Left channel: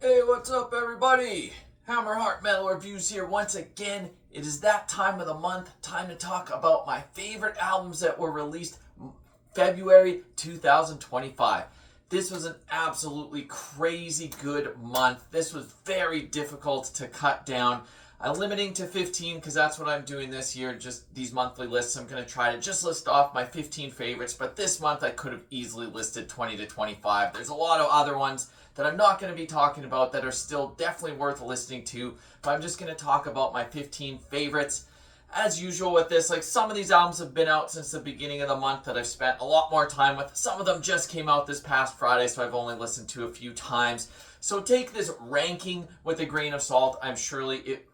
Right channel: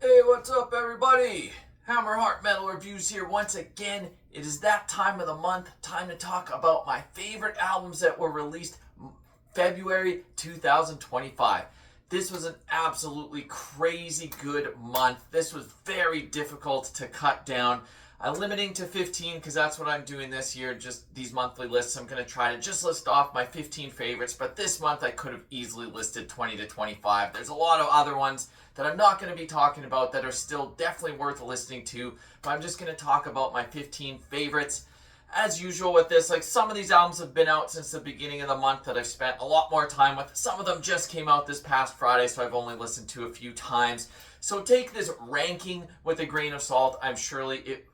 Hey, what's up, everybody? Hammerheart Metal Reviews here once again. It is that time of the month, time to talk about my favorite albums that were released February 2025. This was an absolutely crazy good month. This was very difficult to cut down. I'm limiting to 15 because that's what I'm doing this year, just these monthly lists. I'm going to try to just list off my 15 favorites, but this month I could have easily listed 20 to 25. There's a lot of other ones that I'm not going to be talking about that are still definitely worth listening to, but I'm just going to talk about my 15 favorites. As usual with this, like some of these albums have been out since the beginning of the month that I've spent a lot more time with. Some of them just came out this past Friday, so I've only listened to a few times. So take this ranking with a grain of salt. I'm surely it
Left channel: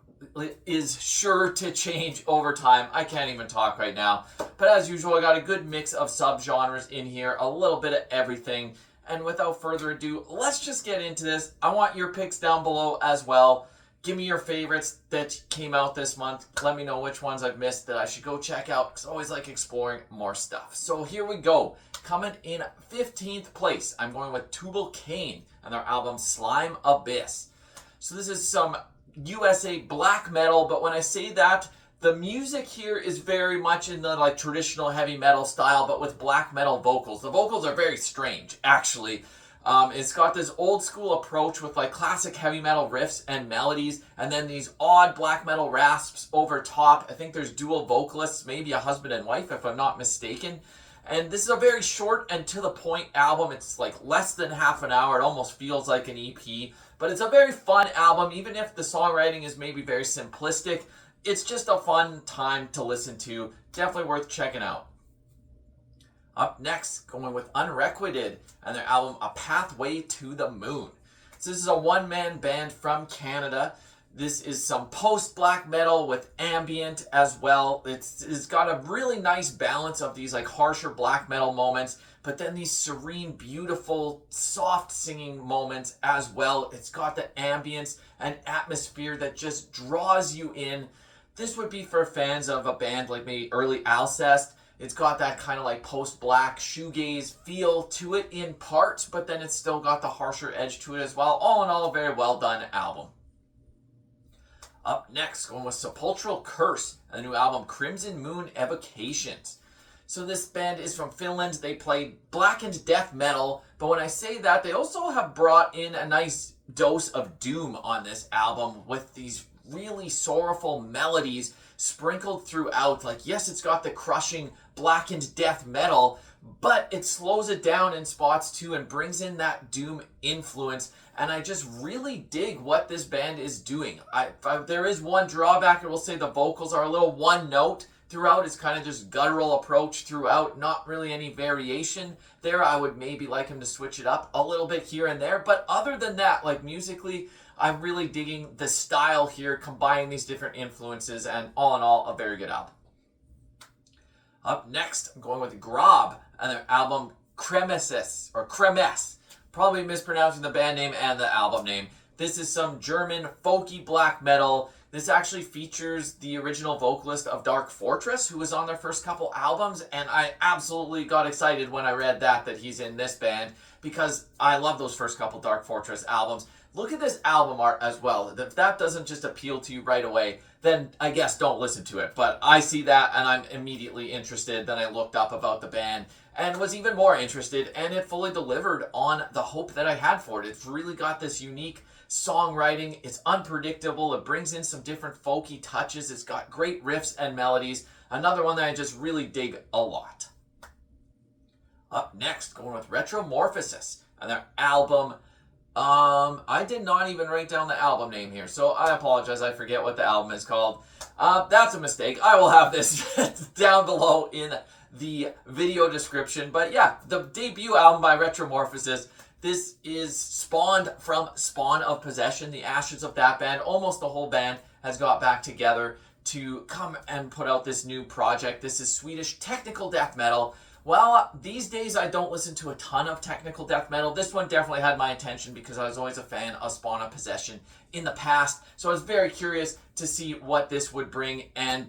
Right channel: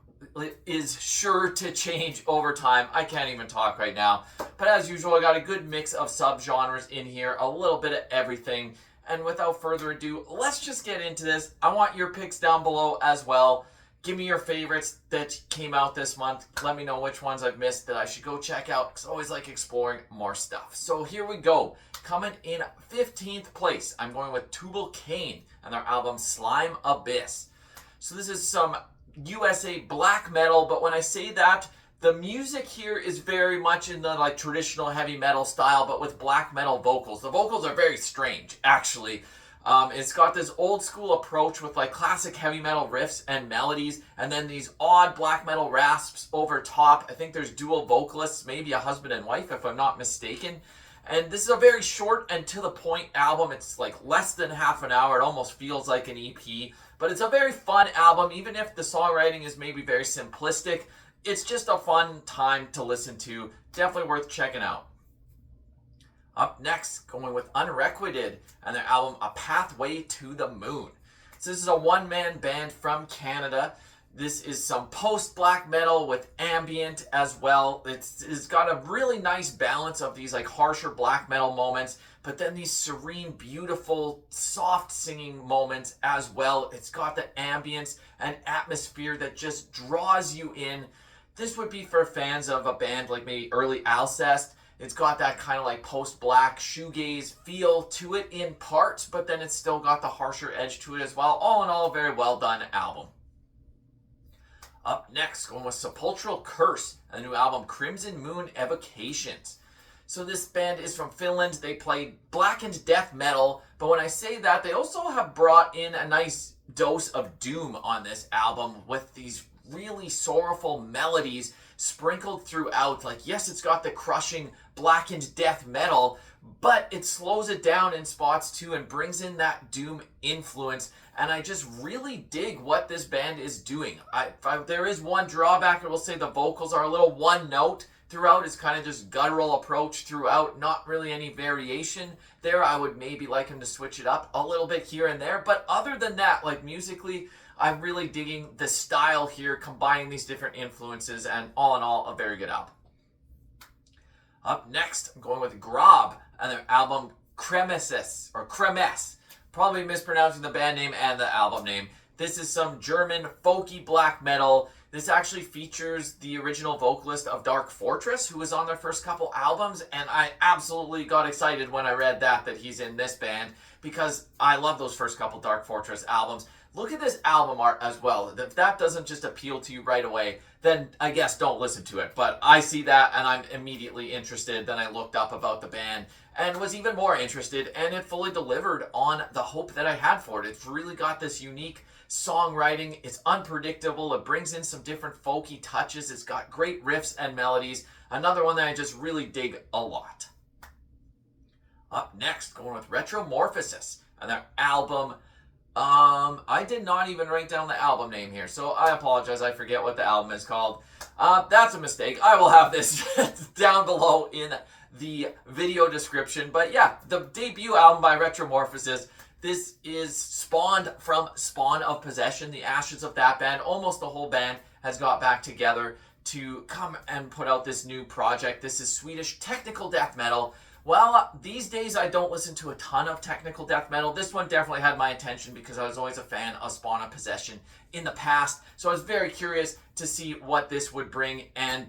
is sure to change over time. I can't even talk right now. But as usual, I got a good mix of subgenres in here, a little bit of everything. And without further ado, let's just get into this. I want your picks down below as well. Give me your favorites that came out this month. Let me know which ones I've missed that I should go check out, because I always like exploring more stuff. So here we go. Coming in 15th place, I'm going with Tubal, Cain and their album Slime Abyss. So this is some USA black metal, but when I say that, the music here is very much in the like traditional heavy metal style, but with black metal vocals. The vocals are very strange, actually. It's got this old school approach with like classic heavy metal riffs and melodies, and then these odd black metal rasps over top. I think there's dual vocalists, maybe a husband and wife if I'm not mistaken. And this is a very short and to the point album. It's like less than half an hour. It almost feels like an EP, but it's a very fun album. Even if the songwriting is maybe very simplistic, it's just a fun time to listen to. Definitely worth checking out. Up next, going with Unreqvited and their album A Pathway to the Moon. So this is a one-man band from Canada. This is some post-black metal with ambient as well. It's got a really nice balance of these like harsher black metal moments, but then these serene, beautiful, soft singing moments as well. It's got the ambience and atmosphere that just draws you in. This would be for fans of a band like maybe early Alcest. It's got that kind of like post-black shoegaze feel to it in parts, but then it's still got the harsher edge to it as well. All in all, a very well done album. Up next, going with Sepulchral Curse and the new album Crimson Moon Evocations. So this band is from Finland. They play blackened death metal, but when I say that, they also have brought in a nice dose of doom on this album with these really sorrowful melodies sprinkled throughout. Like, yes, it's got the crushing blackened death metal, but it slows it down in spots too and brings in that doom influence. And I just really dig what this band is doing. There is one drawback. I will say the vocals are a little one note throughout. It's kind of just guttural approach throughout. Not really any variation there. I would maybe like him to switch it up a little bit here and there. But other than that, like musically, I'm really digging the style here, combining these different influences, and all in all, a very good album. Up next, I'm going with Gràb and their album Kremess. Probably mispronouncing the band name and the album name. This is some German folky black metal. This actually features the original vocalist of Dark Fortress, who was on their first couple albums, and I absolutely got excited when I read that he's in this band, because I love those first couple Dark Fortress albums. Look at this album art as well. If that doesn't just appeal to you right away, then I guess don't listen to it. But I see that and I'm immediately interested. Then I looked up about the band and was even more interested, and it fully delivered on the hope that I had for it. It's really got this unique songwriting. It's unpredictable. It brings in some different folky touches. It's got great riffs and melodies. Another one that I just really dig a lot. Up next, going with Retromorphosis and their album. I did not even write down the album name here, so I apologize. I forget what the album is called. That's a mistake. I will have this down below in the video description. But yeah, the debut album by Retromorphosis. This is spawned from Spawn of Possession, the ashes of that band. Almost the whole band has got back together to come and put out this new project. This is Swedish technical death metal Well, these days I don't listen to a ton of technical death metal. This one definitely had my attention because I was always a fan of Spawn of Possession in the past. So I was very curious to see what this would bring. And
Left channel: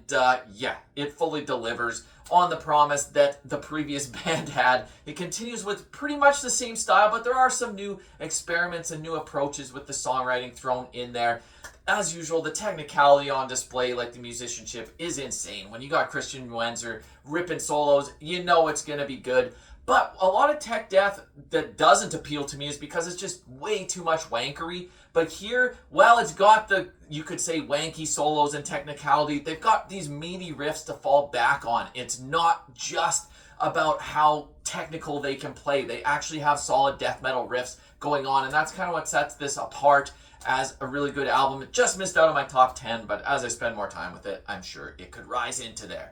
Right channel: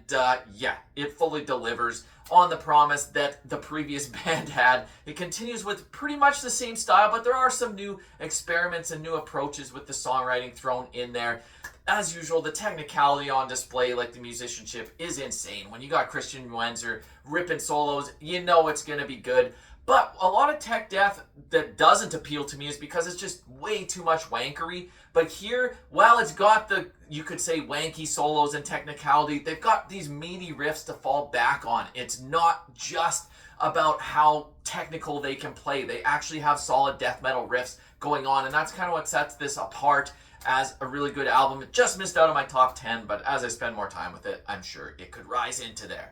yeah, it fully delivers on the promise that the previous band had. It continues with pretty much the same style, but there are some new experiments and new approaches with the songwriting thrown in there. As usual, the technicality on display, like the musicianship, is insane. When you got Christian Wenzer ripping solos, you know it's going to be good. But a lot of tech death that doesn't appeal to me is because it's just way too much wankery. But here, well, it's got the, you could say, wanky solos and technicality. They've got these meaty riffs to fall back on. It's not just about how technical they can play. They actually have solid death metal riffs going on, and that's kind of what sets this apart as a really good album. It just missed out on my top 10, but as I spend more time with it, I'm sure it could rise into there.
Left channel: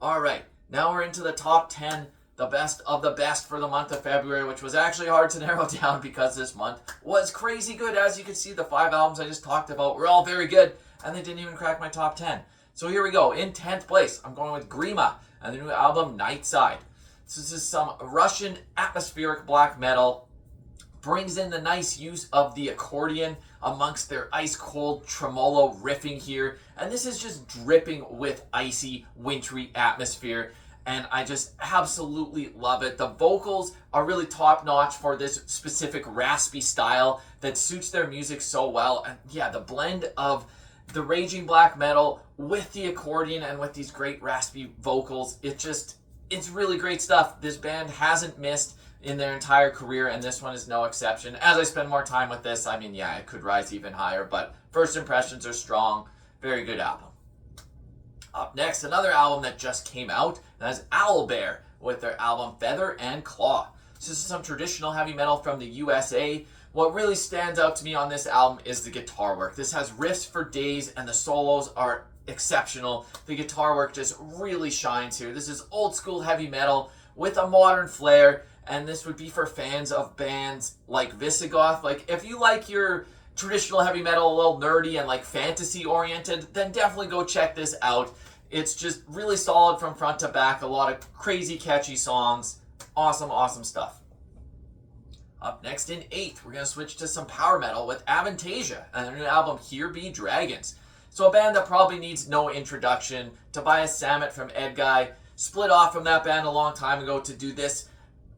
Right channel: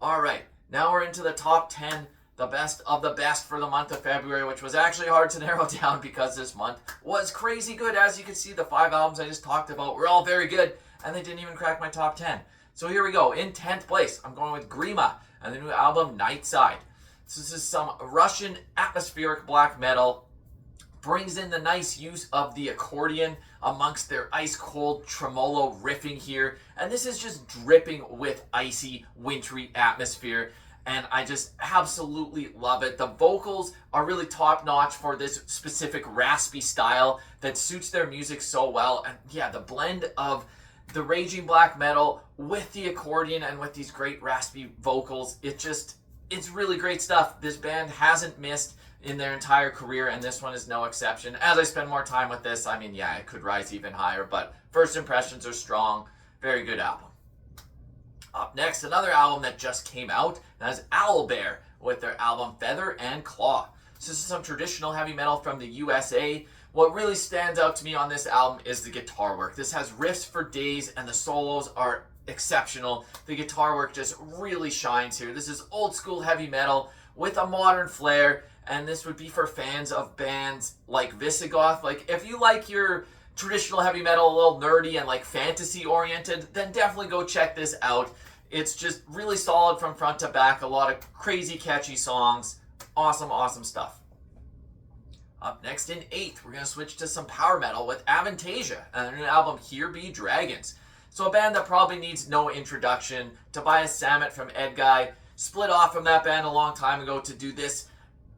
All right, now we're into the top 10, the best of the best for the month of February, which was actually hard to narrow down because this month was crazy good. As you can see, the 5 albums I just talked about were all very good, and they didn't even crack my top 10. So here we go. In 10th place, I'm going with Grima and the new album Nightside. This is some Russian atmospheric black metal. Brings in the nice use of the accordion amongst their ice-cold tremolo riffing here. And this is just dripping with icy, wintry atmosphere. And I just absolutely love it. The vocals are really top-notch for this specific raspy style that suits their music so well. And yeah, the blend of the raging black metal with the accordion and with these great raspy vocals, it's really great stuff. This band hasn't missed in their entire career, and this one is no exception. As I spend more time with this, I mean, yeah, it could rise even higher, but first impressions are strong. Very good album. Up next, another album that just came out, and that's Owlbear with their album Feather and Claw. This is some traditional heavy metal from the USA. What really stands out to me on this album is the guitar work. This has riffs for days, and the solos are exceptional. The guitar work just really shines here. This is old school heavy metal with a modern flair. And this would be for fans of bands like Visigoth. Like, if you like your traditional heavy metal a little nerdy and like fantasy oriented, then definitely go check this out. It's just really solid from front to back. A lot of crazy catchy songs. Awesome, awesome stuff. Up next in 8th, we're going to switch to some power metal with Avantasia and their new album Here Be Dragons. So a band that probably needs no introduction. Tobias Sammet from Edguy split off from that band a long time ago to do this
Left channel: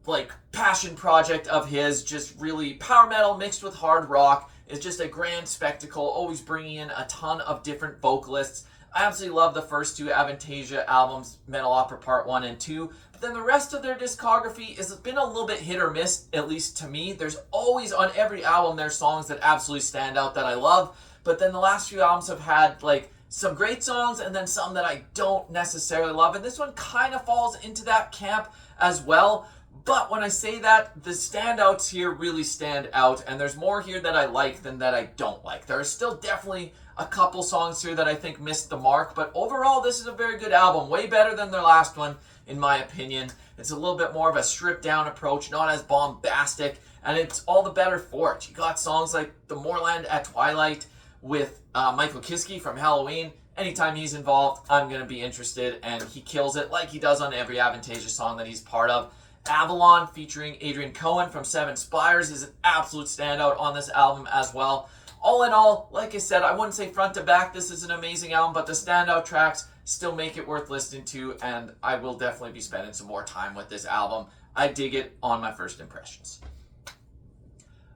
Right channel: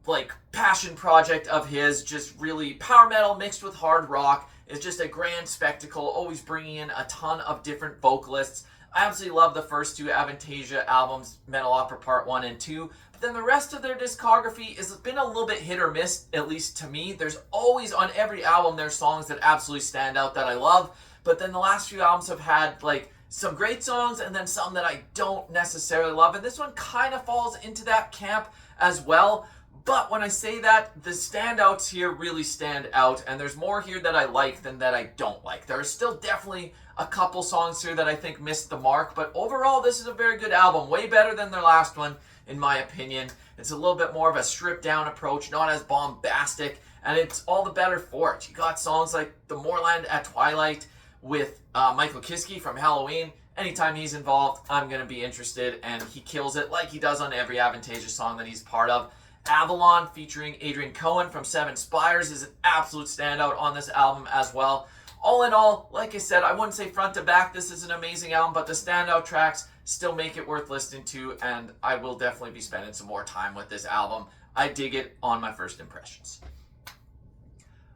like passion project of his, just really power metal mixed with hard rock. It's just a grand spectacle, always bringing in a ton of different vocalists. I absolutely love the first 2 Avantasia albums, Metal Opera Part 1 and 2, but then the rest of their discography has been a little bit hit or miss, at least to me. There's always, on every album, there's songs that absolutely stand out that I love, but then the last few albums have had like some great songs and then some that I don't necessarily love, and this one kind of falls into that camp as well. But when I say that, the standouts here really stand out, and there's more here that I like than that I don't like. There are still definitely a couple songs here that I think missed the mark, but overall, this is a very good album. Way better than their last one, in my opinion. It's a little bit more of a stripped-down approach, not as bombastic, and it's all the better for it. You got songs like The Moorland at Twilight with Michael Kiske from Halloween. Anytime he's involved, I'm going to be interested, and he kills it like he does on every Avantasia song that he's part of. Avalon featuring Adrian Cohen from Seven Spires is an absolute standout on this album as well. All in all, like I said, I wouldn't say front to back this is an amazing album, but the standout tracks still make it worth listening to, and I will definitely be spending some more time with this album. I dig it on my first impressions.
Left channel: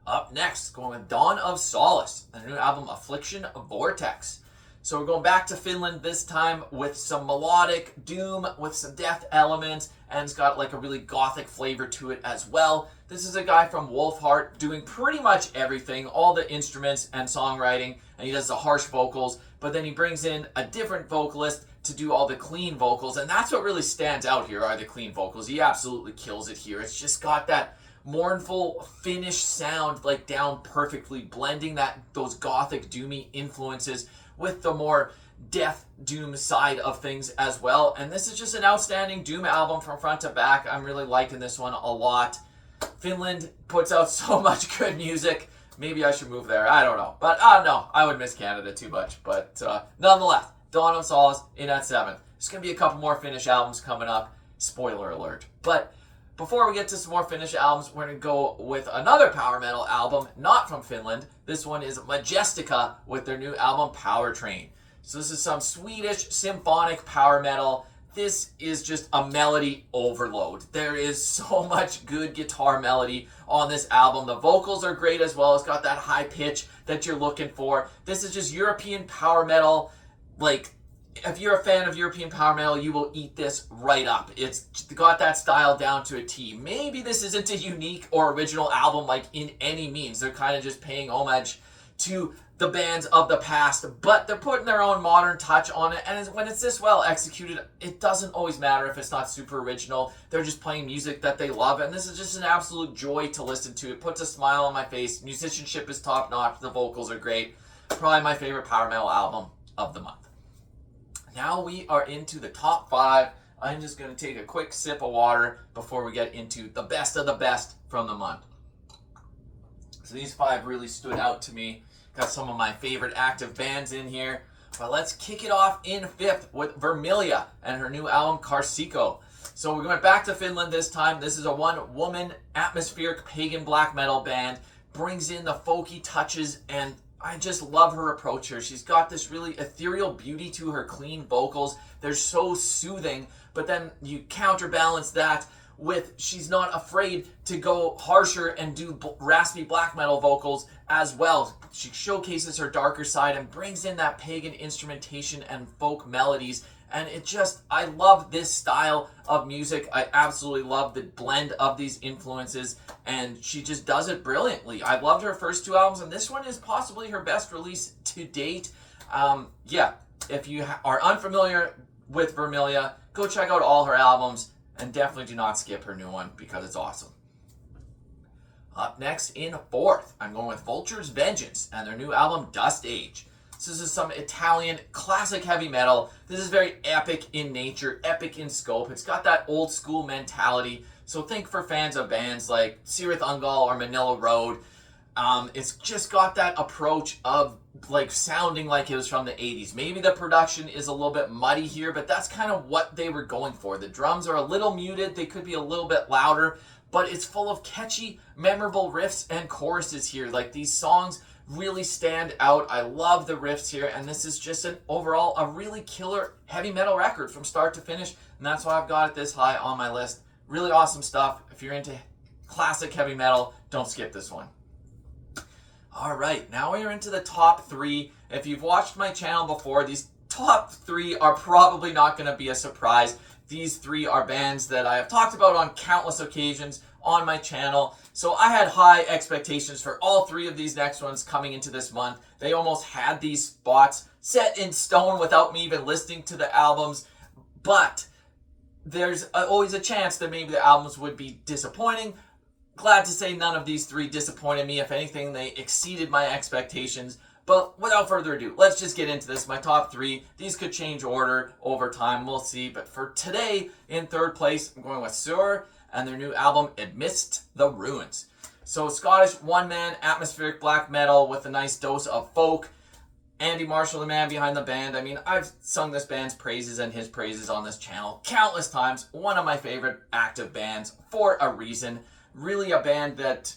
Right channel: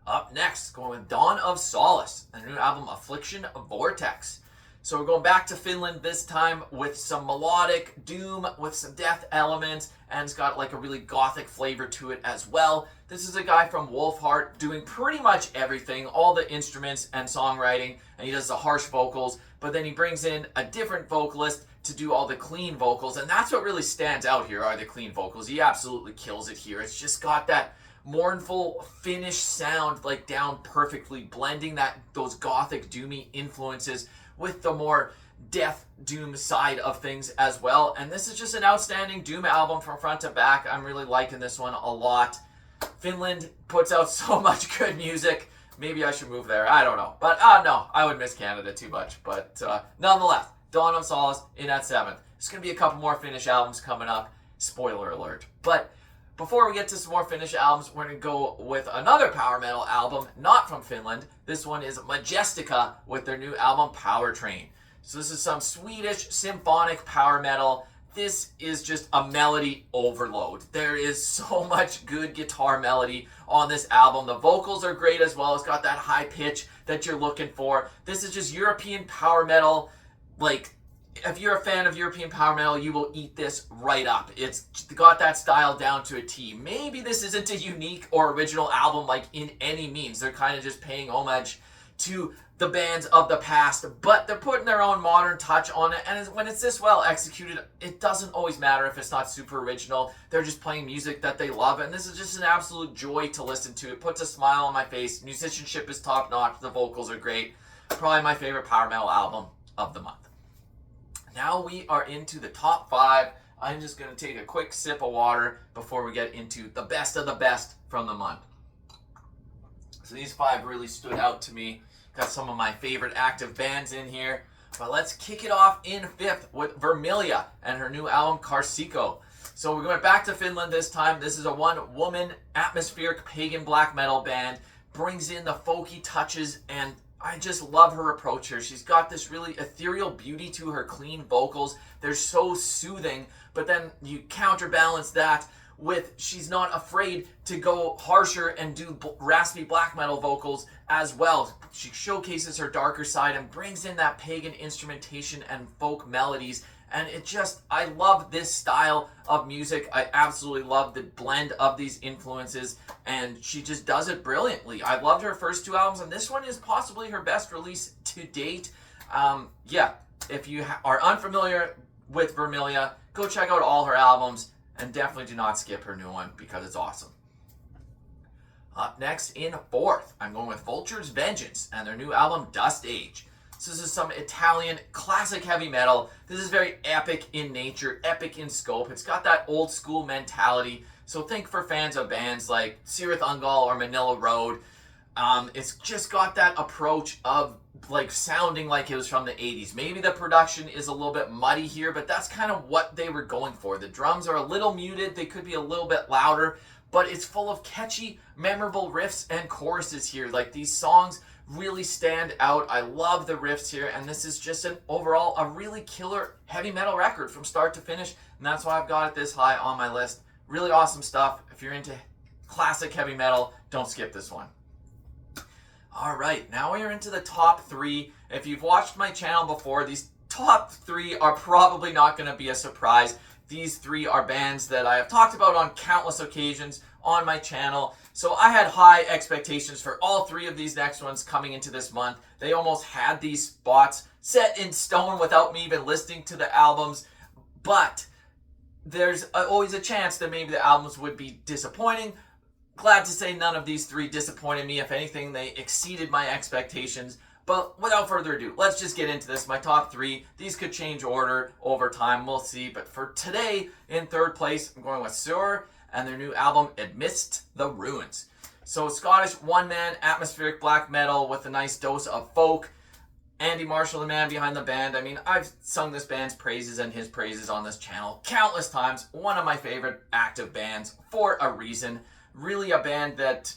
Up next, going with Dawn of Solace, and their new album Affliction, Vortex. So we're going back to Finland this time with some melodic doom, with some death elements, and it's got like a really gothic flavor to it as well. This is a guy from Wolfheart doing pretty much everything, all the instruments and songwriting, and he does the harsh vocals, but then he brings in a different vocalist to do all the clean vocals, and that's what really stands out here, are the clean vocals. He absolutely kills it here. It's just got that mournful Finnish sound like down perfectly, blending those gothic doomy influences with the more death doom side of things as well. And this is just an outstanding doom album from front to back. I'm really liking this one a lot. Finland puts out so much good music. Maybe I should move there. I don't know. But no, I would miss Canada too much. But nonetheless, Dawn of Solace in at 7th. There's going to be a couple more Finnish albums coming up. Spoiler alert. But Before we get to some more Finnish albums, we're going to go with another power metal album, not from Finland. This one is Majestica with their new album Power Train. So this is some Swedish symphonic power metal. This is just a melody overload. There is so much good guitar melody on this album. The vocals are great as well. It's got that high pitch that you're looking for. This is just European power metal. Like, if you're a fan of European power metal, you will eat this right up. It's got that style down to a T. Maybe this isn't a unique or original album like in any means. They're kind of just paying homage to the bands of the past, but they're putting their own modern touch on it. And when it's this well executed, it doesn't always matter if it's not super original. They're just playing music that they love, and this is just an absolute joy to listen to. It puts a smile on my face. Musicianship is top notch. The vocals are great. Probably my favorite power metal album of the month. Now we are into the top 5. I'm just going to take a quick sip of water before we get into the best of the best from the month. So these 5 really stood out to me. Got some of my favorite active bands in here. But let's kick it off in 5th with Vermilia and her new album Karsikko. So we're going back to Finland this time. This is a one-woman atmospheric pagan black metal band. Brings in the folky touches, and I just love her approach here. She's got this really ethereal beauty to her clean vocals. They're so soothing, but then you counterbalance that with she's not afraid to go harsher and do raspy black metal vocals as well. She showcases her darker side and brings in that pagan instrumentation and folk melodies. And I love this style of music. I absolutely love the blend of these influences, and she just does it brilliantly. I've loved her first 2 albums, and this one is possibly her best release to date. If you are unfamiliar with Vermilia, go check out all her albums, and definitely do not skip her new one because it's awesome. Up next in 4th, I'm going with Vultures Vengeance and their new album Dust Age. This is some Italian classic heavy metal. This is very epic in nature, epic in scope. It's got that old school mentality. So think for fans of bands like Cirith Ungol or Manila Road. It's just got that approach of like sounding like it was from the 80s. Maybe the production is a little bit muddy here, but that's kind of what they were going for. The drums are a little muted. They could be a little bit louder, but it's full of catchy, memorable riffs and choruses here. Like, these songs really stand out. I love the riffs here, and this is just overall a really killer heavy metal record from start to finish, and that's why I've got it this high on my list. Really awesome stuff. If you're into classic heavy metal, don't skip this one. All right, now we are into the top 3. If you've watched my channel before, these top 3 are probably not going to be a surprise. These 3 are bands that I have talked about on countless occasions on my channel. So I had high expectations for all 3 of these next ones coming into this month. They almost had these spots set in stone without me even listening to the albums. But there's always a chance that maybe the albums would be disappointing. Glad to say none of these 3 disappointed me. If anything, they exceeded my expectations. But without further ado, let's just get into this. My top 3. These could change order over time. We'll see. But for today, in 3rd place, I'm going with Saor and their new album, Amidst the Ruins. So Scottish one-man atmospheric black metal with a nice dose of folk. Andy Marshall, the man behind the band. I mean, I've sung this band's praises and his praises on this channel countless times. One of my favorite active bands for a reason. Really a band that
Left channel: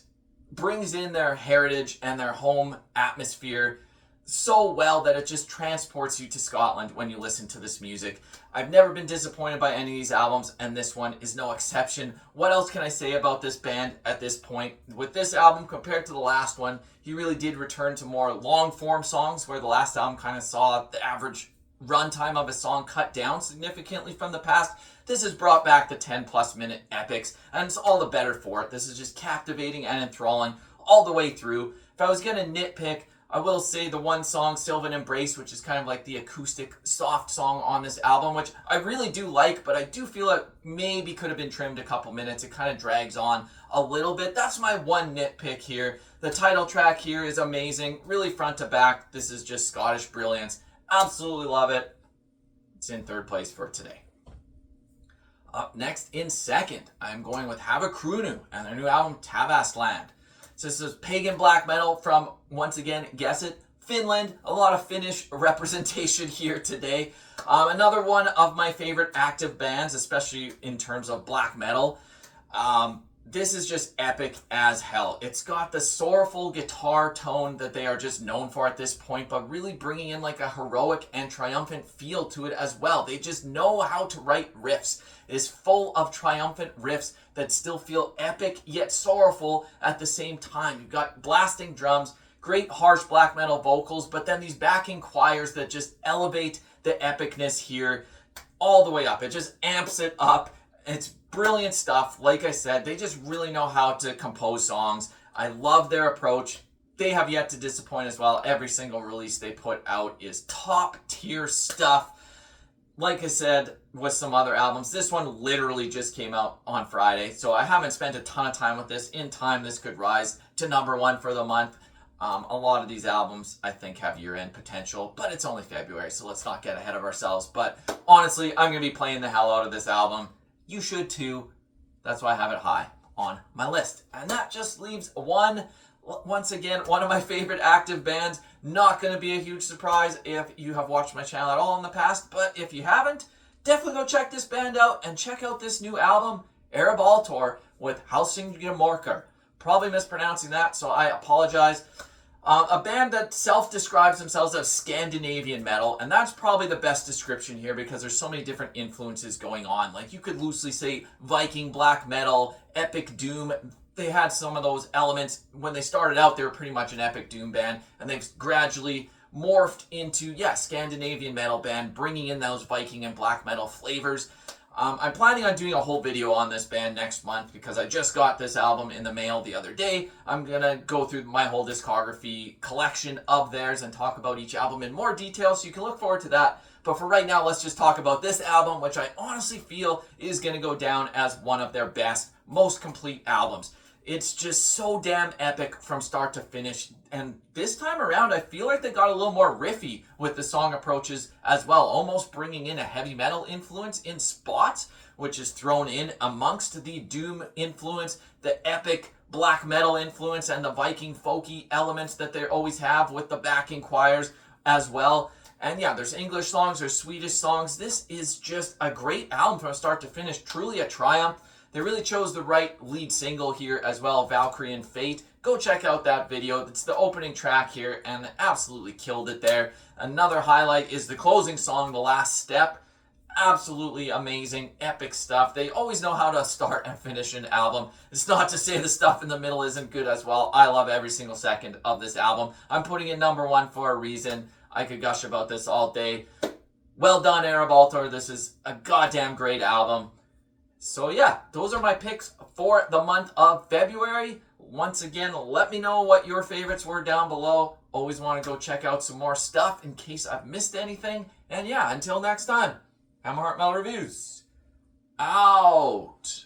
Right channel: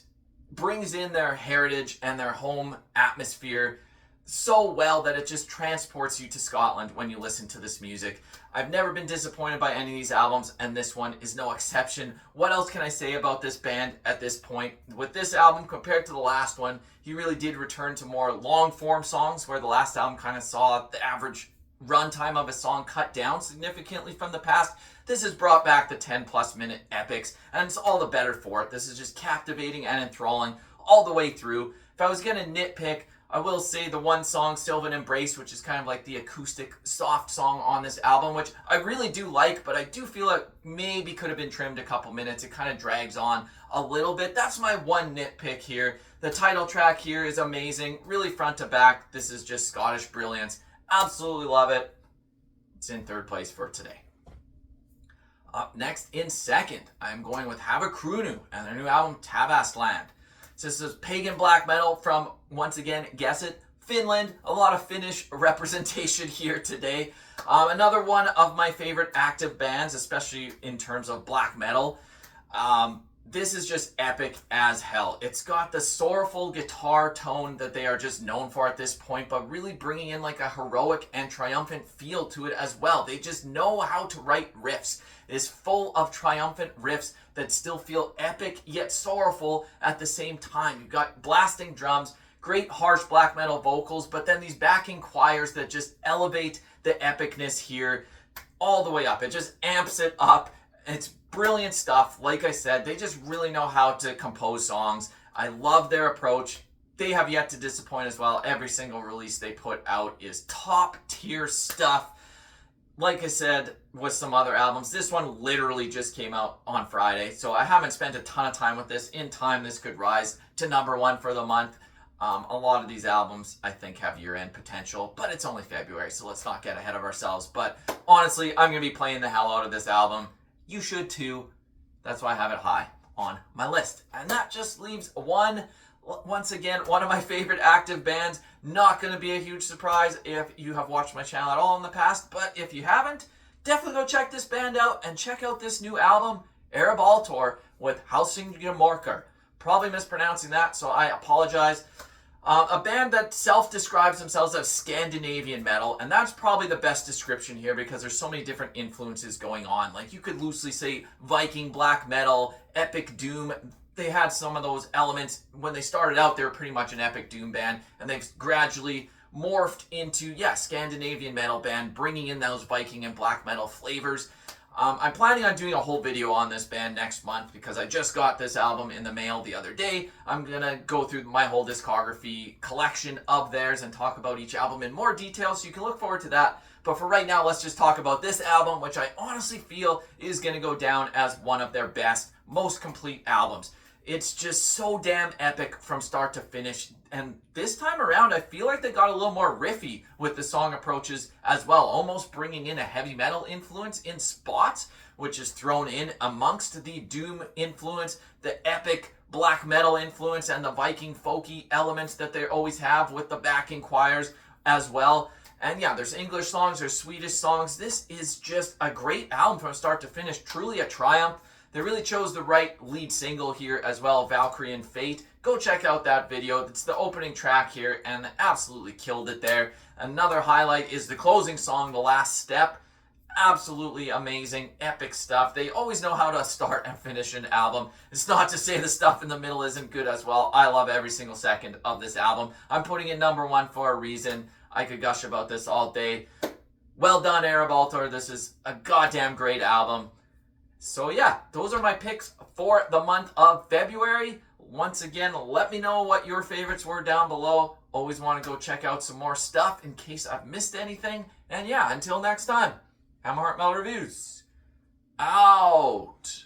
brings in their heritage and their home atmosphere so well that it just transports you to Scotland when you listen to this music. I've never been disappointed by any of these albums, and this one is no exception. What else can I say about this band at this point? With this album, compared to the last one, he really did return to more long-form songs, where the last album kind of saw the average runtime of a song cut down significantly from the past. This has brought back the 10-plus minute epics, and it's all the better for it. This is just captivating and enthralling all the way through. If I was going to nitpick, I will say the one song, Sylvan Embrace, which is kind of like the acoustic soft song on this album, which I really do like, but I do feel it maybe could have been trimmed a couple minutes. It kind of drags on a little bit. That's my one nitpick here. The title track here is amazing, really front to back. This is just Scottish brilliance. Absolutely love it. It's in 3rd place for today. Up next in 2nd, I'm going with Havukruunu and their new album, Tavastland. So this is pagan black metal from, once again, guess it, Finland. A lot of Finnish representation here today. Another one of my favorite active bands, especially in terms of black metal. This is just epic as hell. It's got the sorrowful guitar tone that they are just known for at this point, but really bringing in like a heroic and triumphant feel to it as well. They just know how to write riffs. It is full of triumphant riffs that still feel epic yet sorrowful at the same time. You've got blasting drums, great harsh black metal vocals, but then these backing choirs that just elevate the epicness here all the way up. It just amps it up. It's brilliant stuff. Like I said, they just really know how to compose songs. I love their approach. They have yet to disappoint as well. Every single release they put out is top tier stuff. Like I said, with some other albums, this one literally just came out on Friday, so I haven't spent a ton of time with this. In time, this could rise to #1 for the month. A lot of these albums, I think, have year-end potential, but it's only February, so let's not get ahead of ourselves. But honestly, I'm going to be playing the hell out of this album. You should too. That's why I have it high on my list. And that just leaves once again, one of my favorite active bands. Not going to be a huge surprise if you have watched my channel at all in the past, but if you haven't, definitely go check this band out and check out this new album, Ereb Altor, with Hälsingemörker. Probably mispronouncing that, so I apologize. A band that self-describes themselves as Scandinavian metal, and that's probably the best description here because there's so many different influences going on. Like, you could loosely say Viking black metal, epic doom. They had some of those elements. When they started out, they were pretty much an epic doom band, and they've gradually morphed into, Scandinavian metal band, bringing in those Viking and black metal flavors. I'm planning on doing a whole video on this band next month because I just got this album in the mail the other day. I'm going to go through my whole discography collection of theirs and talk about each album in more detail, so you can look forward to that. But for right now, let's just talk about this album, which I honestly feel is going to go down as one of their best, most complete albums. It's just so damn epic from start to finish. And this time around, I feel like they got a little more riffy with the song approaches as well, almost bringing in a heavy metal influence in spots, which is thrown in amongst the doom influence, the epic black metal influence, and the Viking folky elements that they always have with the backing choirs as well. And there's English songs, there's Swedish songs. This is just a great album from start to finish, truly a triumph. They really chose the right lead single here as well, Valkyrian Fate. Go check out that video. It's the opening track here, and absolutely killed it there. Another highlight is the closing song, The Last Step. Absolutely amazing, epic stuff. They always know how to start and finish an album. It's not to say the stuff in the middle isn't good as well. I love every single second of this album. I'm putting it #1 for a reason. I could gush about this all day. Well done, Ereb Altor. This is a goddamn great album. So those are my picks for the month of February. Once again, let me know what your favorites were down below. Always want to go check out some more stuff in case I've missed anything. And until next time, Hammerheart Metal Reviews, out.